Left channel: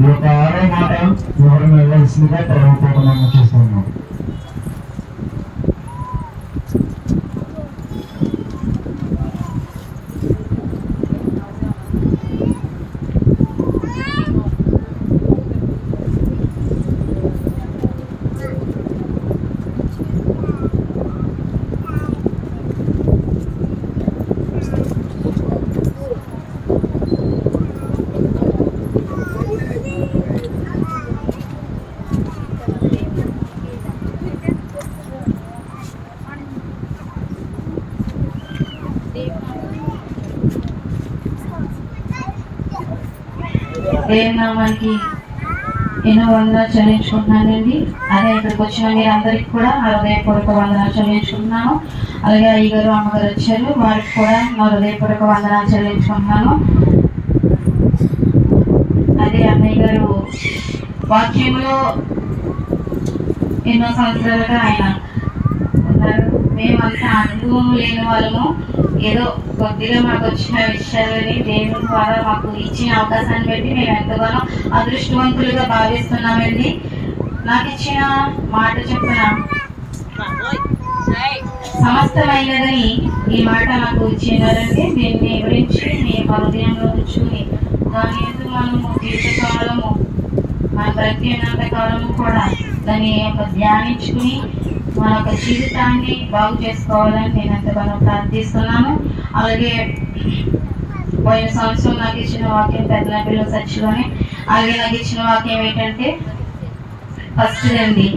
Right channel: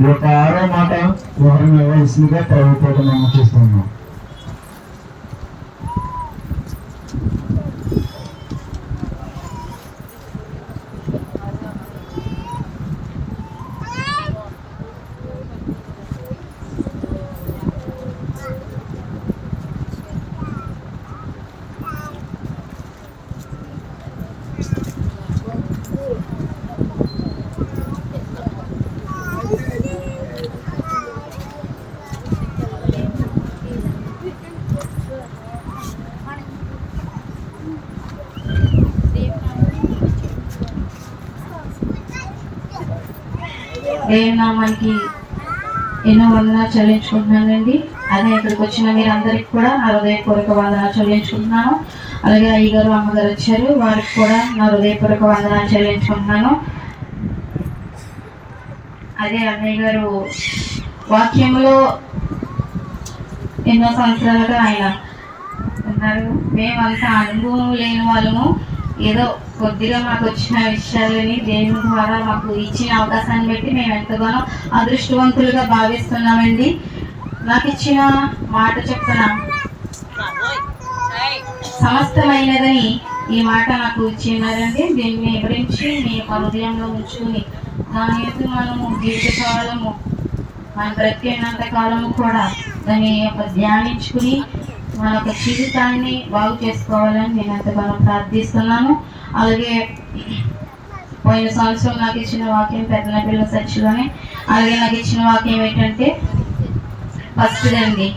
ఈ యొక్క ఆరో మాట వివరణ ఇవ్వాల్సిందిగా ప్రభుత్వం చేస్తున్నాం. దేవుని నామానికి ఎన్నో వందనాలు చెల్లించుకుంటున్నానండి. అదే ఇక్కడికి వచ్చిన అందరికి కూడా నా హృదయపూర్వక వందనాలు చెల్లించుకుంటున్నాను. అలాగే అయ్యగారు అమ్మగారు వచ్చారు. వారికి కూడా నా హృదయపూర్వక వందనాలు చెల్లించుకుంటున్నాను. అదే అన్నయ్య గారు వాక్యంలో ఎన్నో సంవత్సరాలుగా ఆయన ఉన్నారు. మేమంతా అనుభవం లేని వాళ్ళము. ఏదో కొద్దిగా మాకు వచ్చిన విషయాలని దేవుని ద్వారా మాకు ఇచ్చిన అవకాశాన్ని బట్టి మేము ఎంతగానో అదృష్టవంతులుగా భావిస్తున్నామండి. నాకు ఇచ్చిన మాట చెప్తున్నా. సమస్తమైనదని ఈ మాట నాకు ఇచ్చినారంటే దీన్ని గురించి మీ హృదయంలో ఉంచుకుని దాని మీద మనము జీవితకాలము మన బ్రతికినంత కాలము కూడా దాన్ని యొక్క ధ్యానించుకుని మన యొక్క జీవితాన్ని బాగు చేసుకోవాలని నేను ఎంతగానో ప్రార్థిస్తున్నాను. అలాగే పోయిన సంవత్సరం నాకు ఇచ్చిన వాక్యం పెద్ద పిల్లల సచ్చిలోనే అలాగే నాకు ఇచ్చిన వాక్యం ఏంటంటే ఫస్ట్ అండి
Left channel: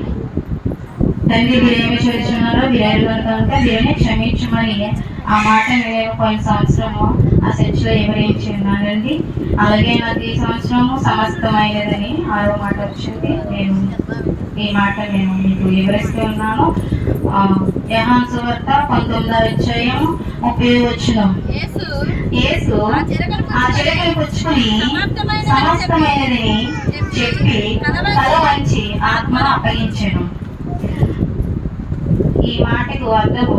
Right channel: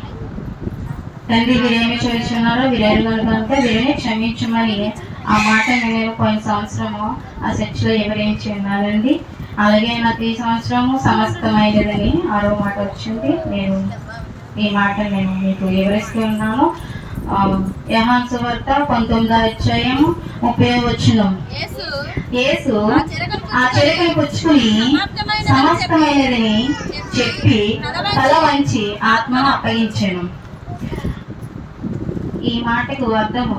తండ్రి మీరేమి చేస్తున్నారో. మీరు ఎరుగరు కనుక వీరిని క్షమించమని ఆ మాట నేను పోయిన సంవత్సరము. ఆ సెర్చ్లో వివరించి ఉన్నానండి అలాగే నాకు ఈ సంవత్సరము సమస్తమైనదని ఆరో మాట వచ్చింది. నేను ఈ మాట నేను మీకు వివరిస్తూ ఉన్నాను. ఆ, యెహోవా సువార్త పంతొమ్మిదో అధ్యాయం ముప్పై వచ్చిన యేసు ఆ పుచ్చుకుని సమస్తమైనదని చెప్పి తల వంచి ఆత్మను అప్పగించాను. ఈ మాటకు అర్థము.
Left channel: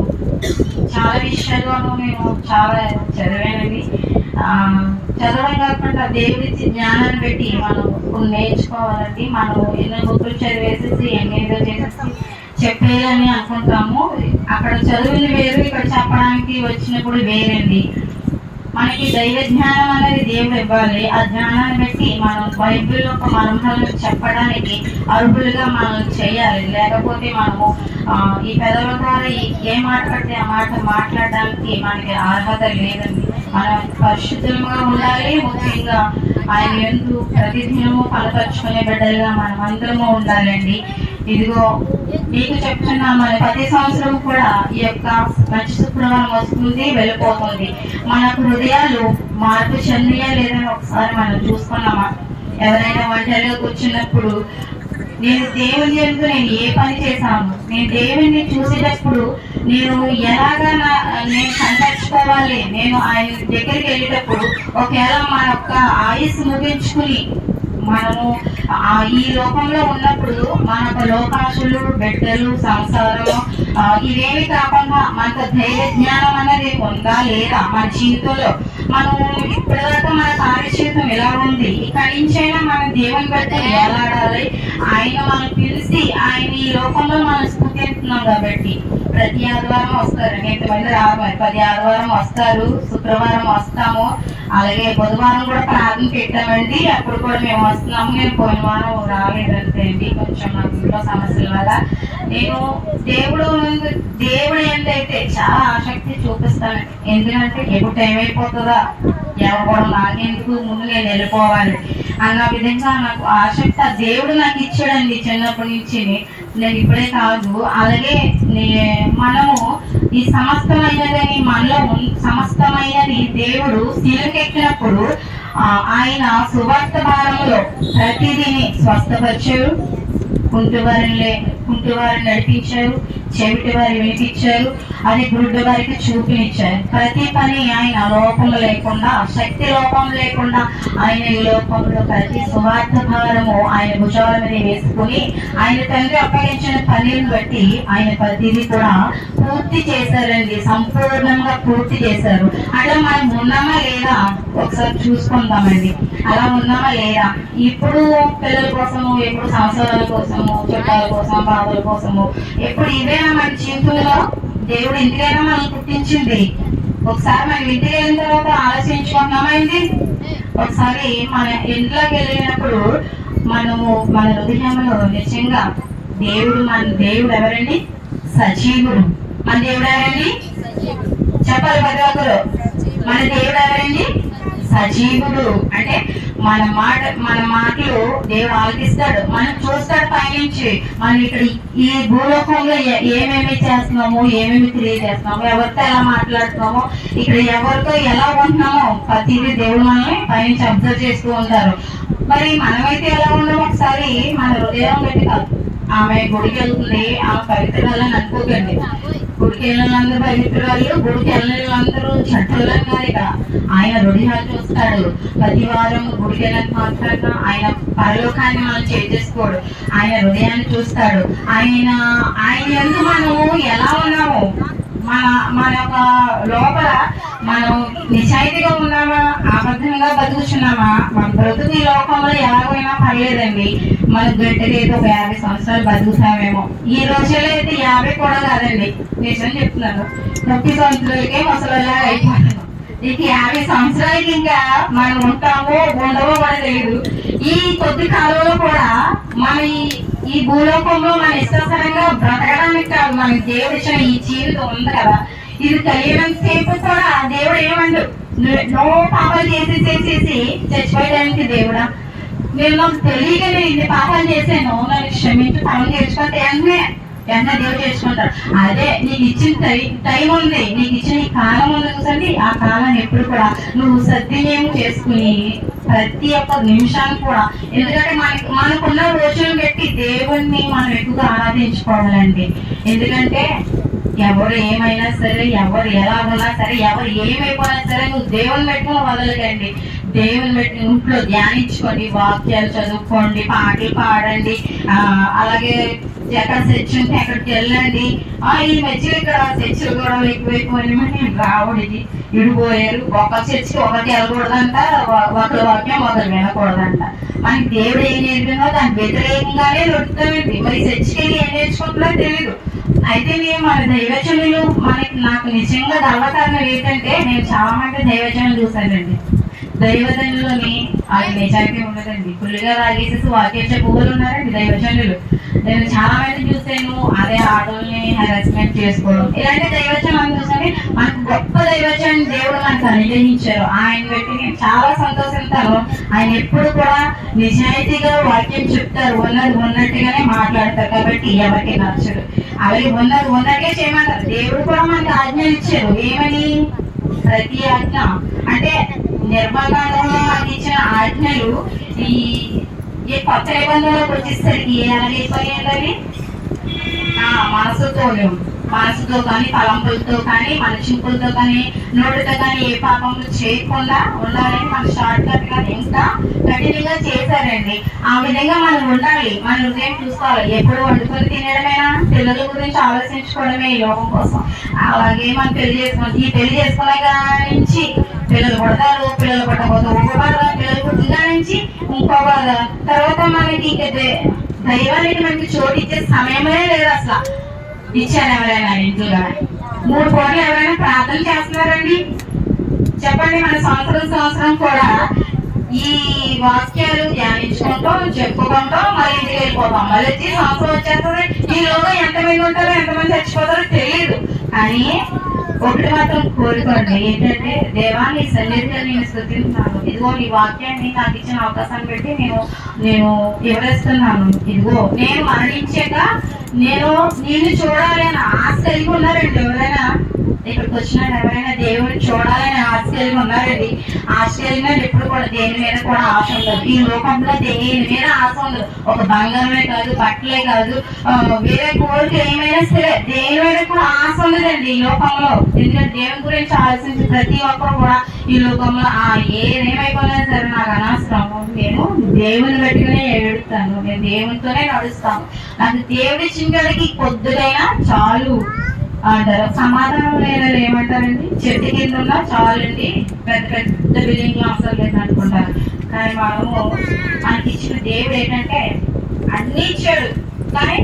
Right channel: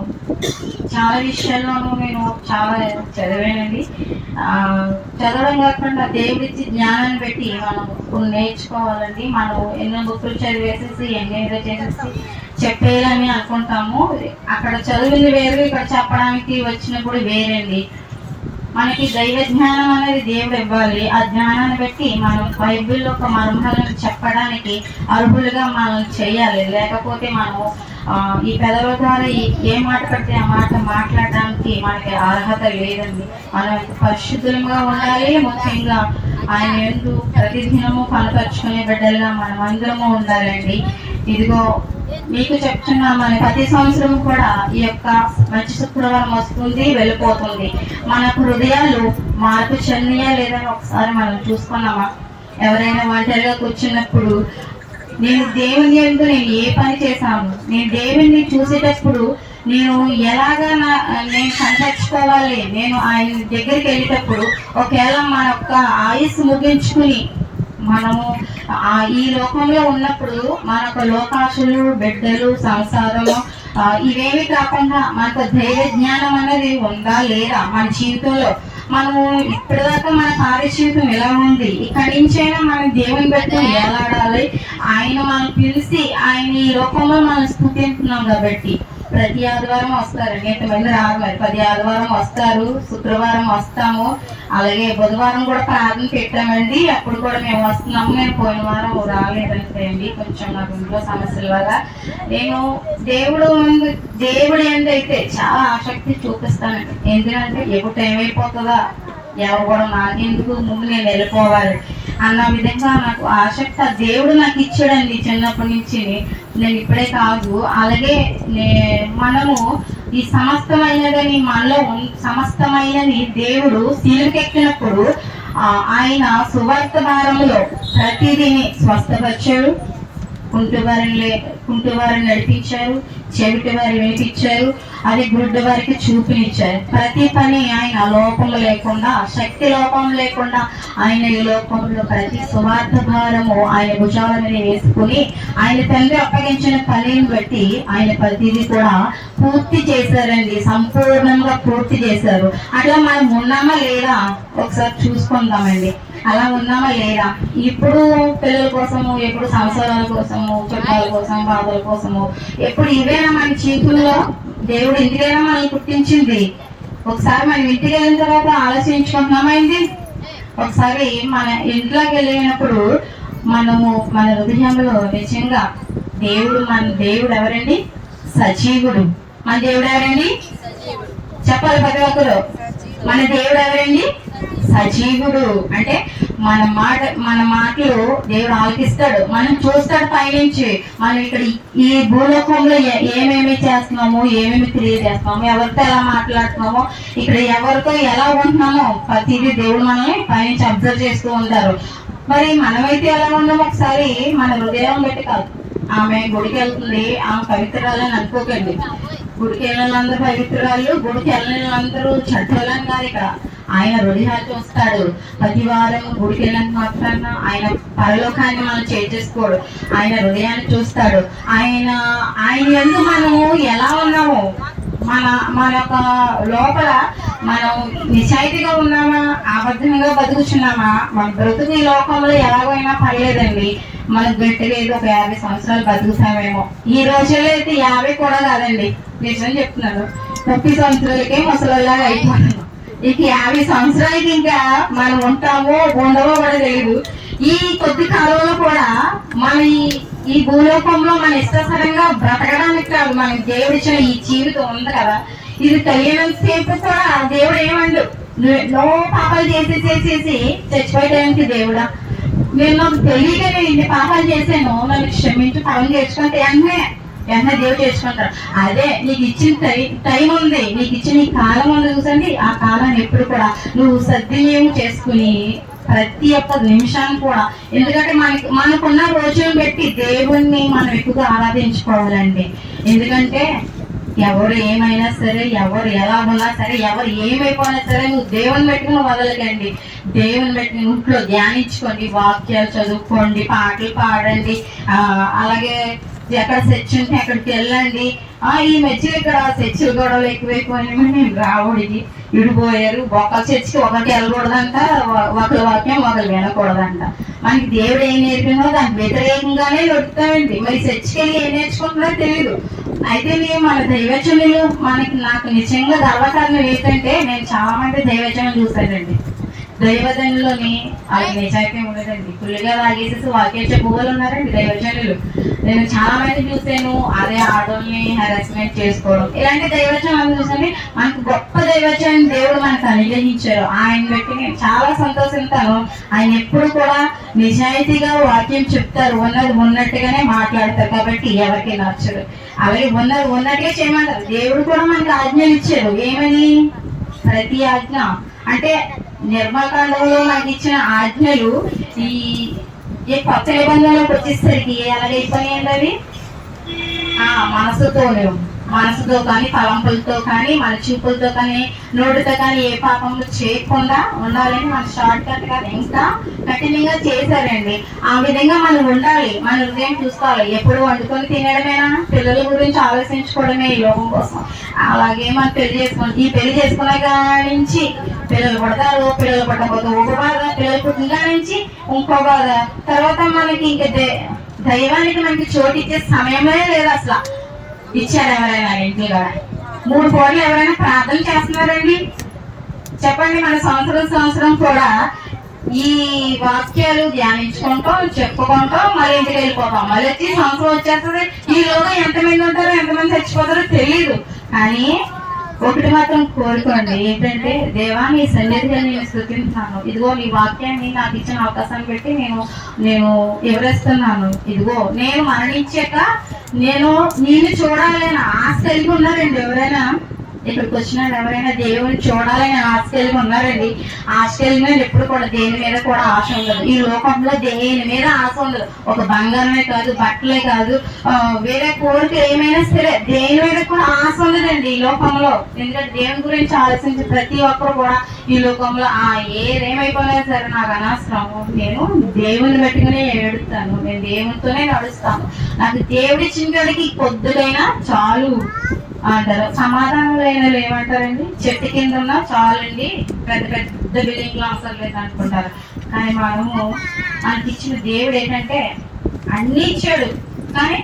చాలా విషయాల్లోనూ మేము చాలా చదివానండి. చదవడం కాకుండా దేవుడిచ్చి జ్ఞానాన్ని పెట్టి మనం నేర్చుకోవాలండి. మనం ఎన్నో బుక్కులు చదివేసేసి ఎన్నేదో చేసేసి చెప్పేయాలని అనుకుంటాము. అక్కడ చదివింది వేరు ఇక్కడ చెప్పడానికి వచ్చినప్పుడు వేరండి. మనకి దైవ జ్ఞానం అనేది దేవుడు ఇవ్వాలి. ఆ జ్ఞానాన్ని బట్టి మనం బైబిల్ యొక్క మర్మాలను చెప్పడానికి అర్హులుగా మనం చేయాలి. లేకపోతే మనము ఈ పెదవుల ద్వారా ఈ- ఏ మాట పడితే ఆ మాట మాట్లాడడానికి మనకి అర్హత లేదండి. మనం పరిశుద్ధంగా ఉండాలి ముఖ్యంగా ఆయన ఎందు ప్రతిదినము కనపరుచుకునే బిడ్డలుగా మనం అందరము ఉండాలండి. ఇదిగో మీకు చెప్తున్నాం మన ప్రతి సంవత్సరం కూడా ఈ యొక్క మంచి శుక్రవారం వస్తుంది వెళ్ళిపోతుంది. మన హృదయాలు మార్పు చెందియా లేదని ఒకసారి మనం చూసుకున్నామా? ఎవరైనా వంటలో కూర్చున్నప్పుడు నేను దేవుని ఎందు నేను ఏ పని చేశాను? నేను దేవుని చూసేటప్పుడు నేను ఎలాగా నా నేను కనిపించుకోవాలి నేను ఆయన దగ్గరికి వెళ్ళేటప్పుడు ఒకవేళ మన యొక్క ఆయుష్ ముగించుకుని మనము ఈ లోకంలో ఉన్నప్పుడు మనకు లోకాశులు బిడ్డలు సంసారం ఆ, ఇవేవి కాకుండా మనకు ధైర్య జ్ఞానం అనేది ఉందా లేదా మన జీవితంలో? మనం ఇప్పటిదాకా మన కార్యజీవితం ఎలా ఉంది? ఇక్కడి నుంచైనా మనం దేవుని బట్టి ఎలాడాలి ఆయన మనం పిలిచి ఆయన ఈ లోకంలో మనం స్థుతిస్తున్నాం కాబట్టి ప్రతి ఆదివారం వస్తారు. ఎంతమంది మరి పది ఆదివారం వస్తారు. శుక్రవారం వస్తాము. అలాగే బుధవారం కూడా ప్రార్థన పెట్టామండి. అప్పుడు కూడా మేము వస్తున్నాము. నేను పోయిన వారం రాలేదంటే అండి కొంచెం నాకు ఇంట్లో సమస్యల వల్ల. నేను దేవుడు ముందు దేవుడు ఏంటైతే చాలా ఆసక్తి చూపిస్తాను. ఎందుకంటే ఎప్పుడు టైం అయిపోతుందా ఎవరు కూడా నాకెందుకు ముందు నేను వెళ్ళిపోవాలి. అన్న విధంగా నాకు ఆసక్తి దేవుడు నాకు ఇచ్చాడండి చిన్నప్పటి నుంచి. నేను ఇప్పుడే కాదు అలాగే నే- మనము ఈ సమస్తమైనదని మనలో సమస్తమైనది దేవుడు శిలుకెక్కినప్పుడు ఆయన సువార్త భారంలో ప్రతిదీని స్వస్థపరిచారు కుంటివారిని లే కుంటివారిని నడిపించారు చెవిటి వారిని వినిపించారు అది గుడ్డ వారికి చూపినిచ్చారు. ప్రతి పని ఆయన లోపం లేకుండా శక్తి లోపం లేకుండా ఆయన ఈ లోకంలో ప్రతి సువార్త భారము ఆయన భుజాల మీద వేసుకుని ఆయన తండ్రి అప్పగించిన పనిని బట్టి ఆయన ప్రతిదీ కూడా పూర్తి చేశారండి. సంపూర్ణంగా పూర్తి చేశారు. అట్లా మనం ఉన్నామా లేదా ఒకసారి చూసుకుందామండి. అలా ఉన్నామా లేదా? ఇప్పుడు పిల్లల కోసము ఎప్పుడు సంవత్సరాల కోసము చుట్టాల కోసం బాధల కోసము ఎప్పుడు ఇవేనా మన జీవితంలో దేవుడు ఇంటికైనా మనల్ని పుట్టించింది. ఒకసారి మనం ఇంటికి వెళ్ళిన తర్వాత ఆలోచించుకుంటున్నామైంది ఒకసారి మన ఇంట్లోకి వెళ్ళినప్పుడు మనము మన హృదయంలో నిజంగా దేవుడు మన దేవుడు ఎవరండి? సజీవుడు. మన దేవుడు ఎవరండి? చెప్పాలి ప్రతి ఒక్కరు. మన దేవుడు ఎవరండి? సజీవుడు. అంటే మన మాట మన మాటలు దేవుడు ఆలకిస్తాడు. మనం చూస్తాడు పైనుంచి. మనం ఇక్కడ ఈ భూలోకంలో ఏమేమి చేస్తున్నాము ఏమేమి తెలియజేస్తున్నాము చేస్తున్నాము ఎవరితో ఎలా మాట్లాడుతున్నామో ఇక్కడ ఎవరితో ఎలా ఉంటున్నామో ప్రతిదీ దేవుడు మనల్ని పైనుంచి అబ్జర్వ్ చేస్తూ ఉంటారు. మరి మనమైతే ఎలా ఉన్నాం ఒకసారి మన హృదయం పెట్టి కాదు. ఆమె గుడికి వెళ్తుంది. ఆమె పవిత్రాలని అనుకోకండి. గుడికి వెళ్ళిన వాళ్ళందరూ పవిత్రాలు గుడికి వెళ్ళిన వాళ్ళందరూ చెడ్డోళ్ళని కాదు ఆయన హృదయాలు చూస్తాడు. ప్రతి వారం గుడికి వెళ్ళినంత మాత్రాన ఆయన పరలోకాన్ని మనం చేసేసుకోడు ఆయన హృదయాన్ని చూస్తాడు. ఆయన ఆయన ఎందుకు మనము ఎలా ఉన్నాము మన మన యొక్క లోపల మనం నిజాయితీగా ఉన్నామా అబద్ధంగా బతుకుతున్నామా మన బ్రతుకు ఈ లోకంలో ఎలాగైనా పర్లేదండి. మన గట్టిగా ఒక యాభై సంవత్సరాలు బతుకుతామేమో. ఈ రోజుల్లో అయితే యాభై కూడా కాదండి. నిజం చెప్తున్నాను. ముప్పై సంవత్సరాలకే ముసలిలా అయిపోతున్నాం ఇక యాభై సంవత్సరాలకి ఇంకా మనం ఉంటామో ఉండవో కూడా తెలియదు ఈ కొద్ది కాలంలో కూడా మన ఈ- భూలోకంలో మన ఇష్టసరంగా బ్రతకడానికి కాదు మనకి దేవుడు ఇచ్చిన ఈ జీవితం ఉంది కదా. ఇది కలిగినంత సేపు కూడా దేవుడు ఏమండు? నో పాపాలు చేసి చేసేసి చచ్చిపోయడానికి దేవుడా? నేను తెలియక నేను ఇన్ని పాపాలు చేశాను నన్ను క్షమించి పనులు తెచ్చుకుంటే వెంటనే వెంటనే దేవుడు చేసుకుంటాడు. అదే నీకు ఇచ్చిన టైం ఉంది. నీకు ఇచ్చిన కాలం ఉంది చూసండి. ఆ కాలాన్ని ఎప్పుడు కూడా నువ్వు సద్వినియోగం చేసుకుని ప్రతి ఒక్క నిమిషాన్ని కూడా. ఎందుకంటే మనకి మనకున్న రోజులను బట్టి దేవుణ్ణి మనం ఎక్కువగా ఆరాధించుకోవాలండి. ఎందుకంటే ఎవరు ఏమైనా సరే ఎవరు ఎలా ఉన్నా సరే ఎవరు ఏమైపోయినా సరే నువ్వు దేవుని పెట్టుకుని వదలకండి. దేవుని పెట్టి ఇంట్లో ధ్యానించుకోండి వాక్యాలు చదువుకోండి పాటలు పాడండి. అలాగే ఎక్కడ చర్చ్ ఉంటే అక్కడికి వెళ్ళండి. ఆ ఈ మధ్యలో ఇక్కడ చర్చిలు గొడవలు ఎక్కువైపోయినామని నేను రావుడికి విడిపోయారు. ఒక చర్చికి ఒకటి వెళ్ళకూడదంట ఒకరి వాక్యం ఒకరు వినకూడదంట. మనకి దేవుడు ఏం నేర్పిందో దానికి వ్యతిరేకంగానే దొరుకుతామండి మరి చర్చికి వెళ్ళి ఏం నేర్చుకుంటుందో తెలియదు అయితే నేను మన దైవచనులు మనకి నాకు నిజంగా గర్వకారణం ఏంటంటే నేను చాలా మంది దైవజనులు చూశానండి. దైవజనులని అది నిజాయితీ ఉండదండి. ఫుల్గా తాగేసేసి వాక్యం పువ్వులు ఉన్నారండి దైవజనులు నేను చాలా మంది చూసాను అదే ఆడోల్ని హెరాస్మెంట్ చేసుకోవడం. ఇలాంటి దైవజనం చూసాను మనకు గొప్ప దైవజనం దేవుడు మనకు అనుగ్రహించారు. ఆయన బట్టి నేను చాలా సంతోషిస్తాను. ఆయన ఎప్పుడు కూడా నిజాయితీగా వాక్యం చెప్తారు. ఉన్నది ఉన్నట్టుగానే మాట్లాడతారు కాబట్టి ఎవరికి నచ్చదు. అలాగే ఉన్నది ఉన్నట్టే చేయమంటారు. దేవుడు కూడా మనకి ఆజ్ఞలు ఇచ్చారు ఏమని? ప్రతి ఆజ్ఞ. అంటే నిర్మకాండంలో మనకి ఇచ్చిన ఆజ్ఞలు ఈ ఈ కొత్త నిబంధనలోకి వచ్చేసరికి ఎలాగైపోయినవి ఆ మనసుతోనే మనసుతో కానీ తలంపులతో కానీ మన చూపులతో కానీ నోటితో కానీ ఏ పాపంలో చేయకుండా ఉండాలని మన షార్ట్ కట్గా ఇంకా కఠినంగా చేశారండి. ఆ విధంగా మనం ఉండాలి. మన హృదయం చూసుకోవాలి. ఎప్పుడు వండుకొని తినడమేనా? పిల్లల గురించి ఆలోచించుకోవడమే ఈ లోకం కోసం. అలాగే మనం పెళ్ళి చేసుకోండి ఈ పెళ్ళి చేసుకునే నుంచి పిల్లలు పడతారు పిల్లలు పడకపోతే ఒక బాధ పిల్లలు పుట్టిన నుంచి ఇంకో బాధ తర్వాత మనకి ఇంకా దైవానికి మనకి చోటు ఇచ్చే సమయమే లేదు అసలు. ఇచ్చారు ఎవరైనా ఇంట్లో మూడు కోట్లు ఎవరైనా ప్రార్థన చేస్తున్నారండి? చెప్పండి మన సంవత్సరం సంవత్సరం కూడా ఈ వాక్యాలు ధ్యానించుకుంటూ చెప్పుకుంటూ మళ్ళీ ఇంటికి వెళ్ళిపోతాం. మళ్ళీ వచ్చి సంవత్సరం వచ్చేస్తుంది. ఈ లోగా ఎంతమంది ఉంటారో ఎంతమంది చచ్చిపోతారో తెలియదు. కానీ ఒకటి మాత్రం కోరుకోండి. ఏంటంటే దేవా నీ సన్నిధిగా నేను స్థుతిస్తున్నాను ఇదిగో నీ వాక్యాన్ని నాకు ఇచ్చిన అవకాశాన్ని పెట్టి నేను నేను వివరిస్తున్నాను. ఇదిగో నేను మరణించాక నేను నిన్ను చూడాలని ఆశ కలిగి ఉన్నారండి ఎవరైనా? ఇక్కడికి వచ్చిన ఎవరైనా దేవుని చూడాలని ఆశ కలిగి ఉన్నారండి. ఆశ కలిగిన ఎప్పుడు కూడా దేని మీద కూడా ఆశ ఉండదు. ఈ లోకంలో దేని మీద ఆశ ఉండదు. ఒక బంగారమే కాదు బట్టలే కాదు వేరే కోరిక ఏమైనా సరే దేని మీద కూడా ఆశ ఉండదండి ఈ లోకంలో. ఎందుకంటే దేవుని గురించి ఆలోచించి ప్రతి ఒక్కరు కూడా ఈ లోకంలో ఆ ఏదేమైపోయినా సరే నాకు అనవసరం. నేను దేవుని పెట్టుకుని ఏడుతాను నేను దేవునితోనే నడుస్తాను. నాకు దేవుడి చింతలకి కొద్దుగైనా చాలు. అంటారు సమాధానం లేని ఏమంటారండి? చెట్టు కింద ఉన్నా చాలండి. పెద్ద పెద్ద బిల్డింగ్ అవసరం లేదు అనుకుంటారు. కానీ మనము మనకి ఇచ్చిన దేవుడు ఏంటంటే అన్ని ఇచ్చాడు. కానీ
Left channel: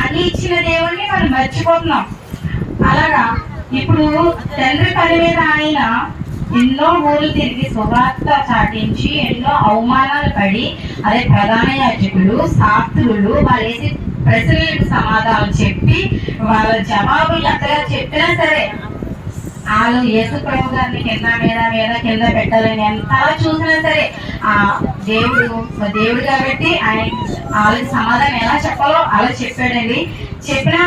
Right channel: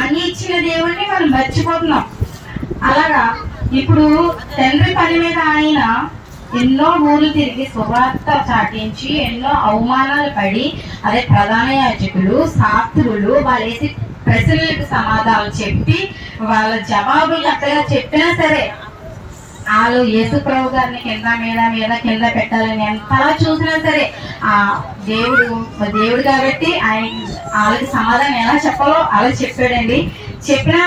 అన్ని ఇచ్చిన దేవుడిని మనం మర్చిపోతున్నాం. అలాగా? ఇప్పుడు తండ్రి పని మీద ఆయన ఎన్నో ఊళ్ళు తిరిగి శుభార్త చాటించి ఎన్నో అవమానాలు పడి అదే ప్రధాన యాజకులు శాస్త్రులు వాళ్ళు వేసి ప్రశ్నలకు సమాధానం చెప్పి వాళ్ళ జవాబులు అక్కడ చెప్పినా సరే వాళ్ళు యేసు ప్రభు గారిని కింద మీద మీద కింద పెట్టాలని ఎంతలా చూసినా సరే ఆ దేవుడు దేవుడు కాబట్టి ఆయన వాళ్ళకి సమాధానం ఎలా చెప్పాలో అలా చెప్పాడండి. చెప్పినా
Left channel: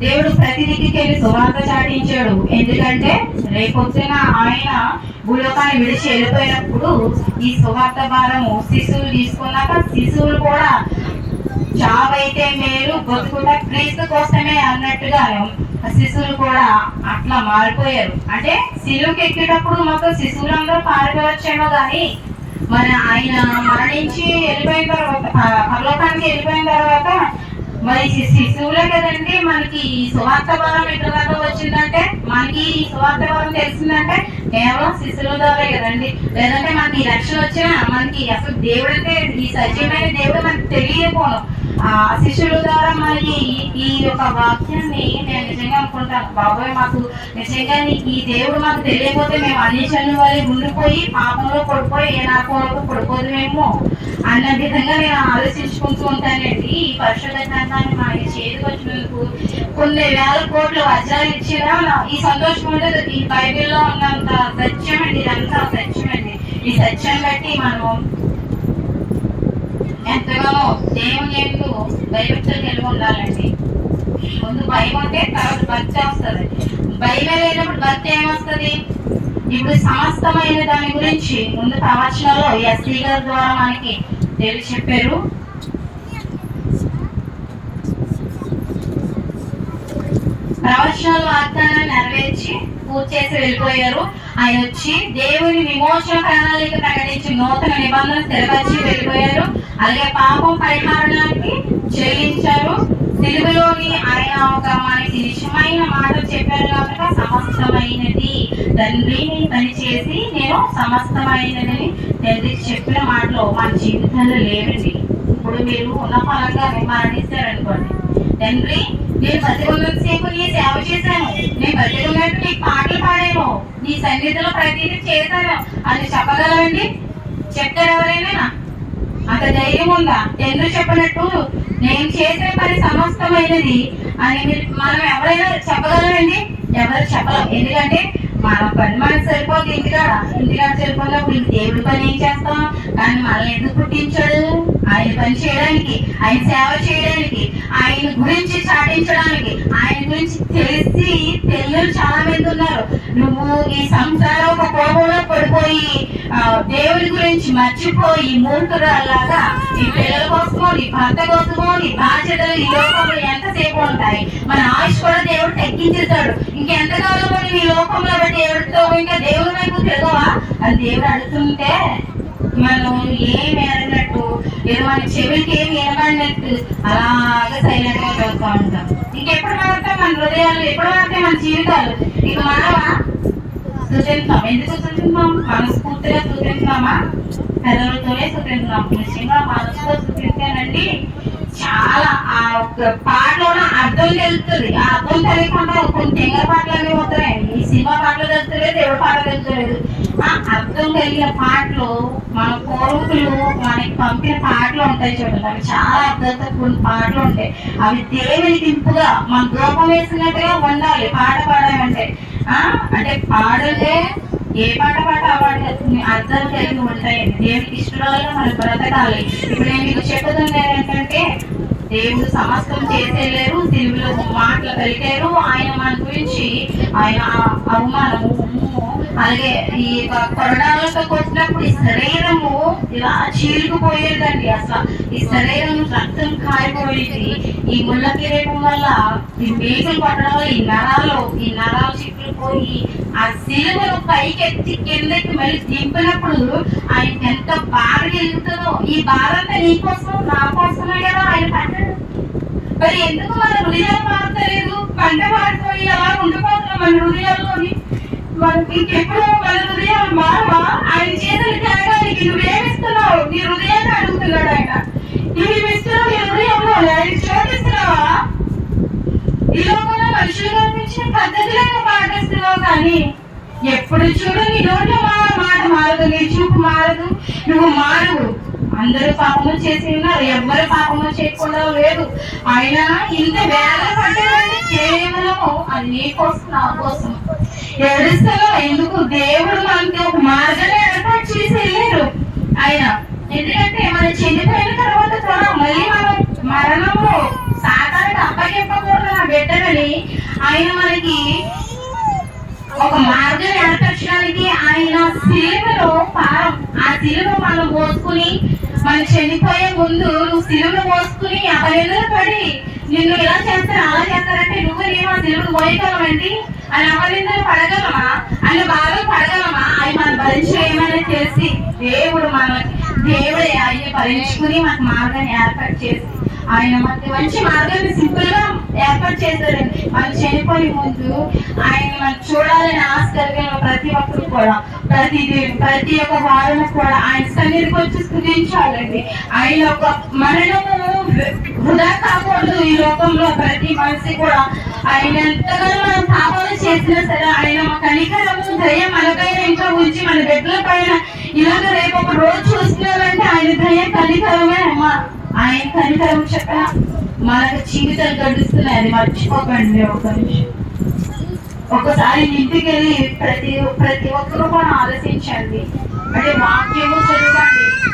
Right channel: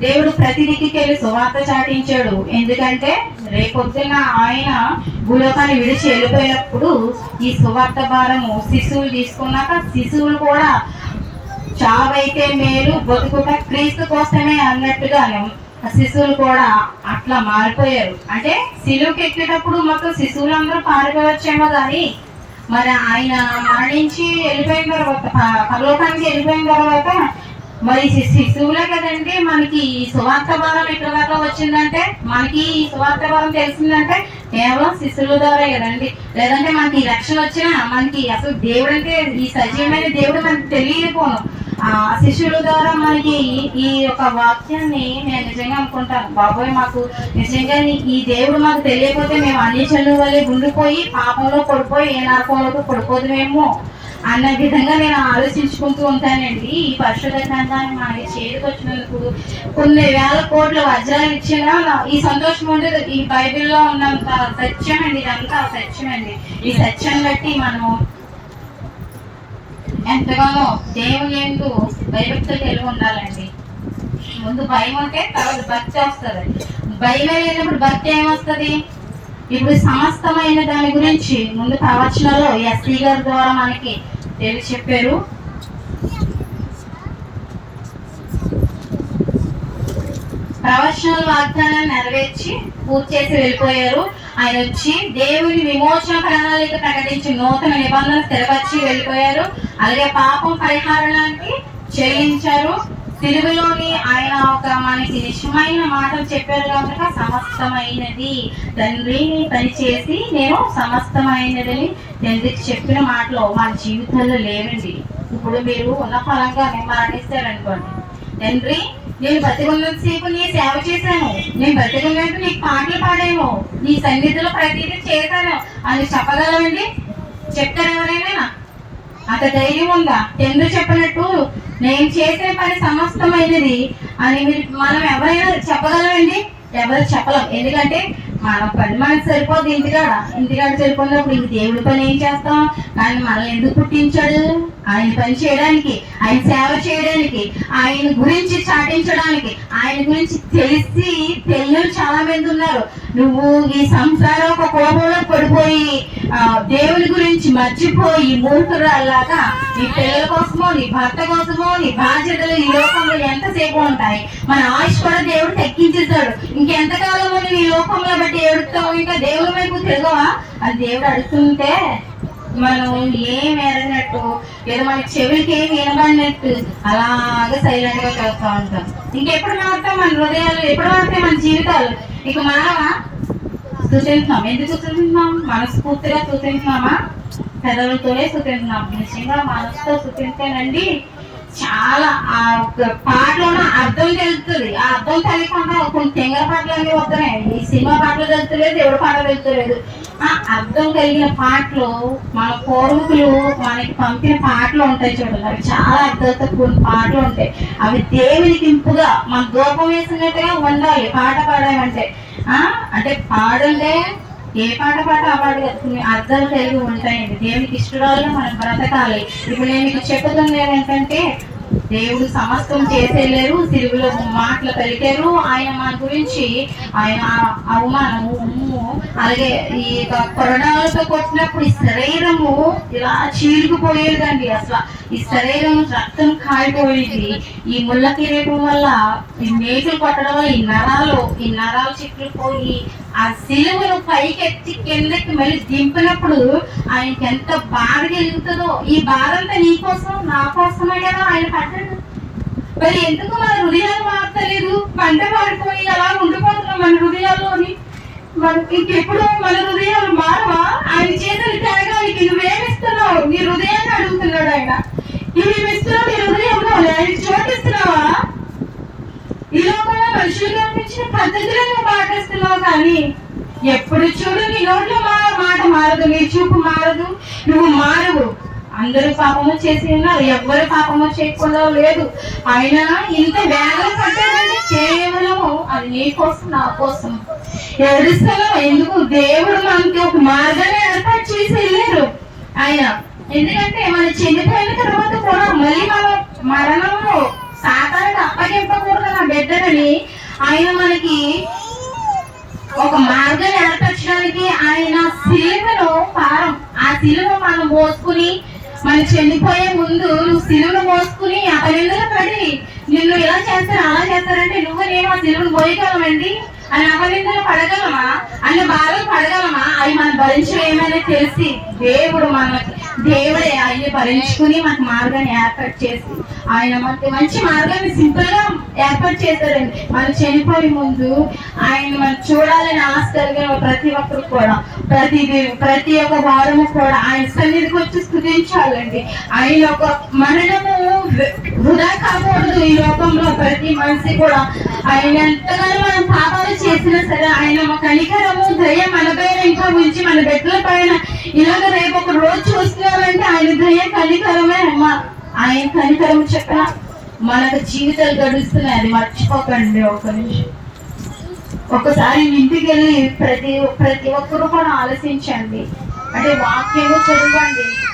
దేవుడు ప్రతి దిక్కుకి వెళ్ళి సువార్త చాటించాడు. ఎందుకంటే రేపొద్దున ఆయన భూలోకాన్ని విడిచి వెళ్ళిపోయినప్పుడు ఈ సువార్త భారము శిశువులు తీసుకున్నాక శిశువులు కూడా చావైతే మేలు బతుకుట క్రీస్తు కోసమే అన్నట్టుగా శిశువులు కూడా అట్లా మారిపోయారు. అంటే సిలువుకి ఎక్కేటప్పుడు మొత్తం శిశువులందరూ పారిపోవచ్చేమో కానీ మరి ఆయన మరణించి వెళ్ళిపోయిన తర్వాత ప- పరలోకానికి వెళ్ళిపోయిన తర్వాత మరి శిశువులే కదండి మనకి ఈ సువార్త భావం ఎక్కడ వచ్చిందంటే మనకి ఈ సువార్త భావం తెలిసిందంటే కేవలం శిశువుల ద్వారా కదండి. లేదంటే మనకి ఈ రక్షణ వచ్చినా మనకి అసలు దేవుడు అంటే ఈ సజీవమైన దేవుడు మనకి తెలియకపోను. శిష్యుల ద్వారా మనకి ఈ యొక్క వాక్యాన్ని నేను నిజంగా అనుకుంటాను బాబోయ్ మాకు నిజంగా ఈ దేవుడు మాకు తెలియకపోతే మేము అన్ని చనువు వల్ల ఉండిపోయి పాపంలో పడిపోయి ఏ నరకంలో పడిపోదుమేమో అన్న విధంగా నేను ఆలోచించుకుంటూ ఉంటానండి. ఈ పరిశుద్ధ గ్రంథాన్ని మనకి చేతికి వచ్చినందుకు కొన్ని వేల కోట్ల వజ్రాలు ఇచ్చినా ఈ సంతోషం ఉండదు. ఈ బైబిల్లో ఉన్నంత సత్యం అండి ఇదంతా సత్యం అండి ఈ సత్యం బట్టి మనం ఎంతగానో దేవుని ఎందు భయభక్తులు కలిగి ఉండాలండి. ముందు భయం అంటే తర్వాత భక్తి వస్తుంది. భయం లేనప్పుడు భక్తి ఏమొస్తుంది? ఇప్పుడు సమస్తమైన దాని గురించి ముందు ప్రవచనలో ఎస్సీ గారి ద్వారా మనకి తెలిసి చెప్పారు. ప్రవచనాలు వాగ్దానాన్ని నెరవేర్చి పూర్తి చేసి వెళ్ళిపోయారు. ఆయన వచ్చి దేవుని విమోచన ప్రణాళిక ప్రకటించి నూతన నిబంధన స్థిరపరిచి వెళ్ళిపోయారు. అలాగే పాపం పరిహారానికి చెల్లించారు. తెలుగులోని ఆయన ఒక మనకి నిజమైన మాటలు చెప్పారు కనుక సమస్తమైనది. తండ్రిని పని చేసి నేను సమస్తమైనదని తండ్రికి చెప్పిన మాటలు మన జీవితంలో లేవండి. ఇప్పుడు మీరు ఉన్న ఫలంగా మరణిస్తారనుకోండి తండ్రి నేను బతికున్నంత సేపు నీ సేవ చేశాను. నేను బతికున్నట్టు నీకు పాటలు పాడాను. నీ సన్నిధిలో ప్రతిదీ చేశాను. అని చెప్పగలవండి? చెప్తారు ఎవరైనా? అంత ధైర్యం ఉందా ఎందుకు చెప్పినట్టు నేను చేసే పని సమస్తమైనది అని మీరు మనం ఎవరైనా చెప్పగలమండి? ఎవరు చెప్పలేం. ఎందుకంటే మన పని మనకు సరిపోదు ఇంటికాడ. ఇంటికాడ సరిపోయినప్పుడు ఇంక దేవుడి పని ఏం చేస్తాం? ఆయన మనల్ని ఎందుకు పుట్టించాడు? ఆయన పని చేయడానికి ఆయన సేవ చేయడానికి ఆయన గురించి చాటించడానికి ఆయన గురించి తెలిసి తెలియని చాలా మంది ఉన్నారు. నువ్వు ఈ సంసారం ఒక కోపంలో పడిపోయి దేవుడి గురించి మర్చిపోయి మూర్ఖురాల్లాగా నీ పిల్లల కోసమో నీ భర్త కోసమో నీ బాధ్యతలు ఈ లోకంలో ఎంతసేపు ఉంటాయి? మన ఆయుష్ కూడా దేవుడు మనం బట్టి ఏడుస్తావు? ఇంకా దేవుడి వైపు చదవా అది దేవుడు అడుగుతుంటే మనం ఏం ఎరగినట్టు ఏదో మన చెవికి ఏం వినబడినట్టు అలాగే సైలెంట్గా చదువుతూ ఉంటాం. ఇంకెప్పుడు మారుతాం మన హృదయాలు ఎప్పుడు మారుతాయి మన జీవితాలు? ఇక మనవా స్థుతించాం ఎందుకు స్థుతించాం మనస్ఫూర్తిగా స్థుతించామా పెదవులతోనే స్థుతించాం నిజంగా మనసుతో స్థుతించానండి చాలా ఆ ఒక్క పాటలో అర్థం తెలుస్తుంది ఆ అర్థం తెలియకుండా కొన్ని తెంగ పాటలు అనేవి వస్తున్నాయి. ఈ సినిమా పాటలు తెలుస్తలేదు ఎవరి పాటలు తెలుస్తలేదు. ఆ అర్థం కలిగిన పాటలు మన పూర్వకులు మనకి పంపిన పాటలు ఉంటాయి చూడండి అవి చాలా అర్థంతో కూడిన పాటలు ఉంటాయి. అవి దేవునికి ఇంపుగా మన దూపం వేసినట్టుగా ఉండాలి పాట పాడాలంటే. ఆ అంటే పాడంటే ఏ పాట పాట ఆ పాట కొన్ని అర్థాలు కలిగి ఉంటాయండి దేవునికి ఇష్టరాలుగా మనం బ్రతకాలి ఇప్పుడు నేను మీకు ఏంటంటే దేవుడు సమస్తం చేసేలేరు సిలువలో మాటలు పలికారు. ఆయన మన గురించి ఆయన అవమానము ఉమ్ము అలాగే ఈ యొక్క కొరడాలతో కొట్టినప్పుడు ఈ శరీరము ఇలా చీలుకుపోయేదండి అసలు ఈ శరీరం రక్తం కారిపోయేది. ఈ ముళ్ళ కిరీటం వల్ల ఈ మేకలు కొట్టడం వల్ల ఈ నరాలు ఈ నరాలు చిక్కులు పోయి ఆ సిలువను పైకెత్తి కిందకి మళ్ళీ దింపినప్పుడు ఆయనకి ఎంత బాధ కలుగుతుందో ఈ బాధ అంతా నీ కోసం నా కోసమే కదా ఆయన పట్టడు మరి ఎందుకు మన హృదయాలు మారతలేదు పంట మారిపోయి అలా ఉండిపోతున్నాం మన హృదయాల్లోని. ఇంకెప్పుడు మన హృదయం మారవా? ఆయన చేతులు త్యాగానికి నువ్వేమిస్తున్నావు నీ హృదయాన్ని అడుగుతున్నాడు ఆయన ఇవి ఇస్తున్నావు? నీ హృదయంలో ఆయన చోటిస్తున్నావా ఈ లోకంలో మనుషులు కనిపించిన పద్ధతులే నువ్వు పాటిస్తున్నావు కానీ ఎప్పుడు చూడు నీ నోట్లో మా మాట మారదు నీ చూపు మారదు. నువ్వు మారవు. అందరూ పాపము చేసి ఉన్నారు. ఎవ్వరు పాపము చేయకుండా లేదు. ఆయన ఇంత వేల పడ్డాడంటే కేవలము అది కోసం నా కోసం. ఎవరిస్తాలో ఎందుకు? దేవుడు మనకి ఒక మార్గాన్ని ఏర్పాటు చేసి వెళ్ళారు. ఆయన ఎందుకంటే మన చనిపోయిన తర్వాత కూడా మళ్ళీ మనం మరణంలో సాతానికి అప్పగింపకూడదు నా బిడ్డలని ఆయన మనకి ఒక మార్గం ఏర్పరచడానికి ఆయన శిలువలో పారం ఆ శిలువ మనం పోసుకుని మనం చనిపోయే ముందు నువ్వు సిలువులు మోసుకుని అపనిందలు పడి నిన్ను ఇలా చేస్తారు అలా చేస్తారంటే నువ్వు నేను ఆ శిలువ మోయగలమండి అని అపనిందలు పడగలమా అని బాధలు పడగలమా? అవి మనం భరించలేమని తెలిసి దేవుడు మన దేవుడు అవి భరించుకుని మనకు మార్గాన్ని ఏర్పాటు చేసి ఆయన మనకి మంచి మార్గాన్ని సింపుల్గా ఏర్పాటు చేశారండి మనం చనిపోయే ముందు ఆయన మనం చూడాలని ఆశ కలిగిన ప్రతి ఒక్కరు కూడా ప్రతి ప్రతి ఒక్క వారం కూడా ఆయన సన్నిధికి వచ్చి స్థుతించాలండి. ఆయన ఒక మరణము వృధా కాకూడదు ఈ లోకంలో. ప్రతి మనిషి కూడా ఆయన ఎంతగానో మనం పాపాలు చేసినా సరే ఆయన కనికరము దయ మనపైన ఇంకా ఉంచి మన బిడ్డల పైన ఇలాగ రేపు ఒక రోజు చూస్తున్నారంటే ఆయన దయ కనికరమే అమ్మ. ఆయన కనికరం చెప్పిన? మనకు జీవితాలు గడుస్తున్నాయి అది మర్చిపోకండి ఒక నిమిషం. ఒకసారి ఇంటికి వెళ్ళి ప్రతి ప్రతి ఒక్కరు కూడా ఆలోచించండి. అంటే వాక్యము చదవండి.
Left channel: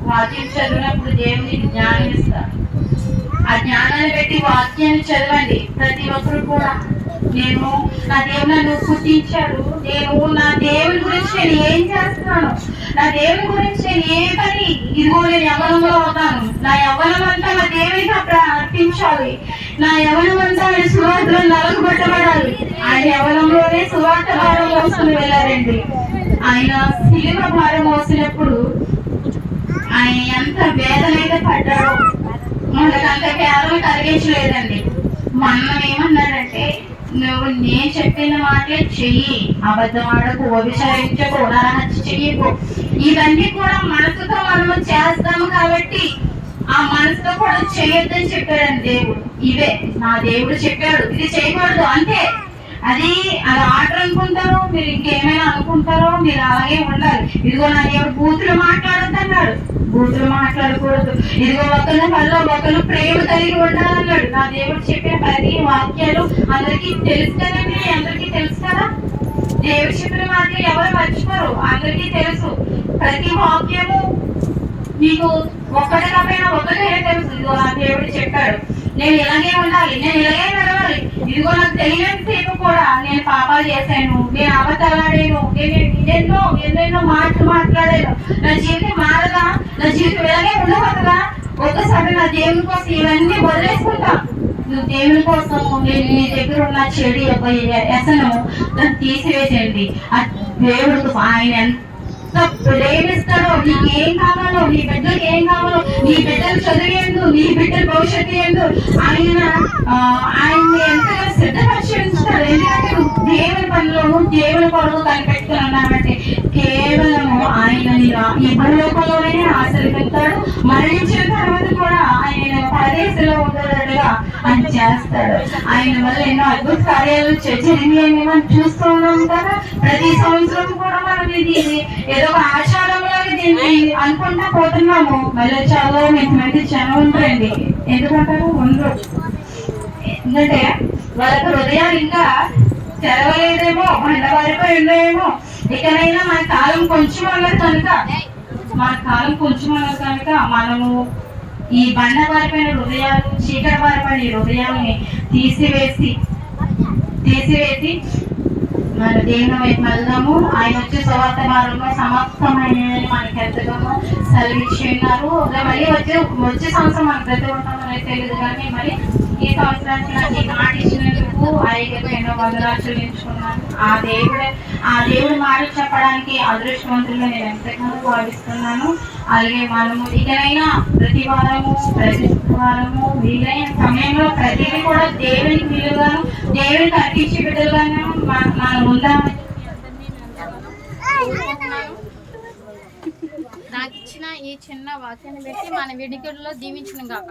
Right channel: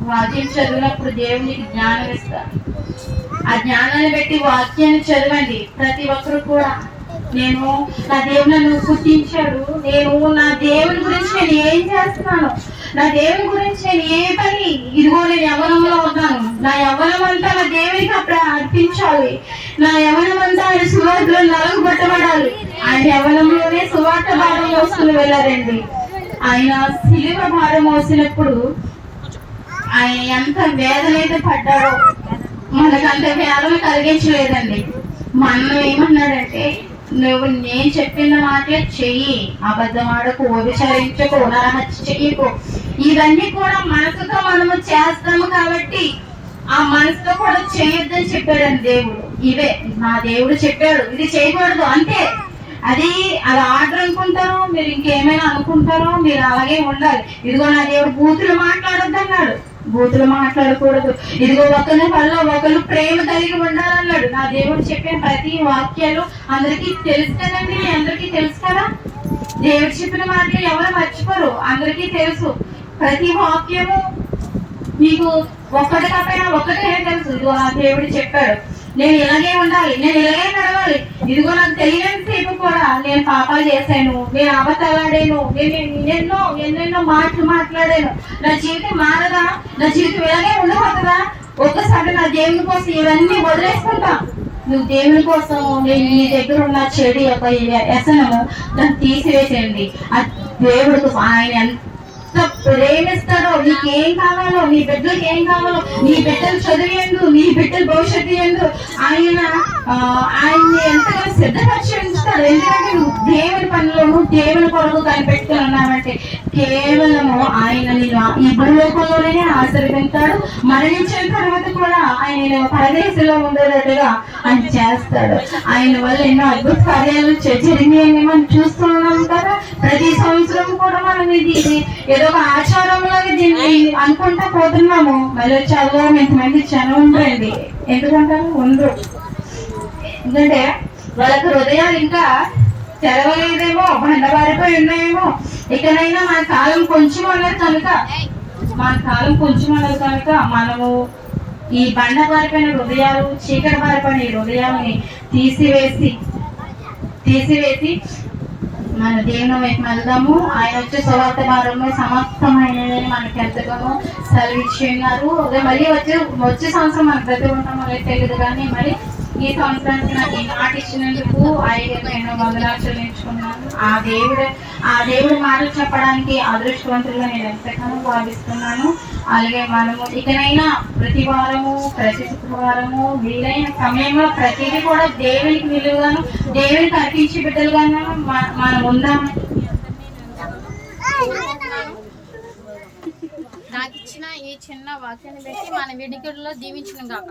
వాక్యం చదివినప్పుడు దేవునికి జ్ఞానం ఇస్తారు. ఆ జ్ఞానాన్ని బట్టి వాక్యాన్ని చదవండి. ప్రతి ఒక్కరు కూడా. నేను నా దేవుడు నన్ను పుట్టించాడు నేను నా దేవుని గురించి నేను ఏం చేస్తున్నాను? నా దేవుని గురించి నేను ఏ పని? ఇదిగో నేను యవనంలో ఉన్నాను. నా యవనం అంతా నా దేవునికి అప్పుడు అర్పించాలి. నా యవనం అంతా ఆయన సువార్తలో నలుగు పెట్టబడాలి ఆయన యవనంలోనే సువార్త భారం మోసుకుని వెళ్ళారండి. ఆయన శిలువ భారం మోసినప్పుడు ఆయన ఎంత వేదనైతే పడ్డారో మనకు అంత వేదన కలిగించలేదండి. మనం ఏమన్నాడంటే నువ్వు నేను చెప్పిన మాటే చెయ్యి. అబద్ధం ఆడకు వ్యభిచరించకు నరహత్య చెయ్యకు. ఇవన్నీ కూడా మనసుతో మనము చేస్తాము కాబట్టి ఆ మనసుతో కూడా చేయొద్దని చెప్పాడండి దేవుడు. ఇవే నా దేవుడు చెప్పాడు. ఇది చేయకూడదు. అంతే. అది అది ఆర్డర్ అనుకుంటారో మీరు ఇంకేమైనా అనుకుంటారో మీరు అలాగే ఉండాలి. ఇదిగో నా దేవుడు బూతులు మాట్లాడద్దు అన్నాడు బూతులు మాట్లాడకూడదు. ఇదిగో ఒకరి వల్ల ఒకరు ప్రేమ కలిగి ఉండాలన్నాడు. నా దేవుడు చెప్పే ప్రతి వాక్యాలు అందరికీ తెలుసు కదండి? అందరికీ తెలుసు కదా? దేవుడు చెప్పిన మాటలు ఎవరు మర్చిపోరు. అందరికీ తెలుసు. ప్రతి వాక్యము మీకు ఒకటి కాకపోయినా ఒకటే తెలుసు. ఇదిగో నా దేవుడు చెప్పాడు. నేను ఇలాగే ఉండాలి నేను ఇలాగే నడవాలి. ఇదిగో నాకు తెలియని సేపు కూడా నేను పాపాలు చేశాను నేను అబద్ధాలాడాను నేను ఎన్నెన్నో ఎన్నెన్నో మాటలు మాట్లాడాను. నా జీవితం మారదా? నా జీవితం ఇలాగే ఉండకూడదా? ఒక్కసారి నా దేవుని కోసం ఇవన్నీ వదిలేసుకుంటా. నువ్వు దేవుని కోసం నేను నీ దగ్గర ఉన్న చెడు యొక్క వ్యసనము దాన్ని తీసివేసేయండి. ఆ దేవుడికి ఆయన ఎంత ప్రేమిస్తా నీకు ఏం కావాలో నీ బిడ్డలకు ఏం కావాలో నీ బిడ్డలు చదివేందు నీ బిడ్డల భవిష్యత్తు ఎందు ఆయన ఆ, ఆయన్ని ఎంతగా సిద్ధపరిచేస్తాడు ఎందుకంటే నువ్వు దేవుని పనిలోను దేవుని కొరకు కనిపెట్టుకుని ఉన్నామంటే కేవలము ఆయన నిన్ను ఈ భూలోకంలోనే ఆశీర్వదిస్తాడు మరణించిన తర్వాత కూడా ఆయన పరదేశంలో ఉండేటట్టుగా ఆయన చేస్తాడు. ఆయన వల్ల ఎన్నో అద్భుత కార్యాలు జరిగినాయని మనం చూస్తూ ఉన్నాం కదా. ప్రతి సంవత్సరం కూడా మనం ఇది ఏదో ఒక ఆచారంలో దీన్ని అనుకుంటా పోతున్నాము. మళ్ళీ చదువు ఇంతమంది జనం ఉంటాయండి ఎందుకంటారు? ఉండరు ఎందుకంటే వాళ్ళకి హృదయాలు ఇంకా తెరవలేదేమో బండబారిపోయి ఉన్నాయేమో. ఇకనైనా మన కాలం కొంచెం అన్నది కనుక మన కాలం కొంచెం అన్నది కనుక మనము ఈ బండ బారిపోయిన హృదయాలు చీకటి బారిపోయిన ఈ హృదయాలని తీసివేసి తీసివేసి మన దేవుని వైపు వెళ్దాము. ఆయన వచ్చే సువార్త భారంలో సమస్తమైన మనకి ఎంతగానో సెలవిచ్చి ఉన్నారు. మళ్ళీ వచ్చే వచ్చే సంవత్సరం మనకు ప్రతి ఉంటాం అనేది తెలియదు కానీ మరి ఈ సంవత్సరానికి నాకు ఈ మాట ఇచ్చినందుకు ఆయనకు ఎన్నో వందలు ఆ దేవుడు ఆ దేవుడు మాట చెప్పడానికి అదృష్టవంతులుగా నేను ఎంతగానో భావిస్తున్నాను. అలాగే మనము ఇకనైనా ప్రతి వారము ప్రతి వారము వీలైన సమయంలో ప్రతిదీ కూడా దేవునికి విలువగాను దేవునికి అర్పించి బిడ్డలుగాను మనం నాకు ఇచ్చిన ఈ చిన్న వాక్యాన్ని పెట్టి మన విడిగుడిలో దీవించిన కాక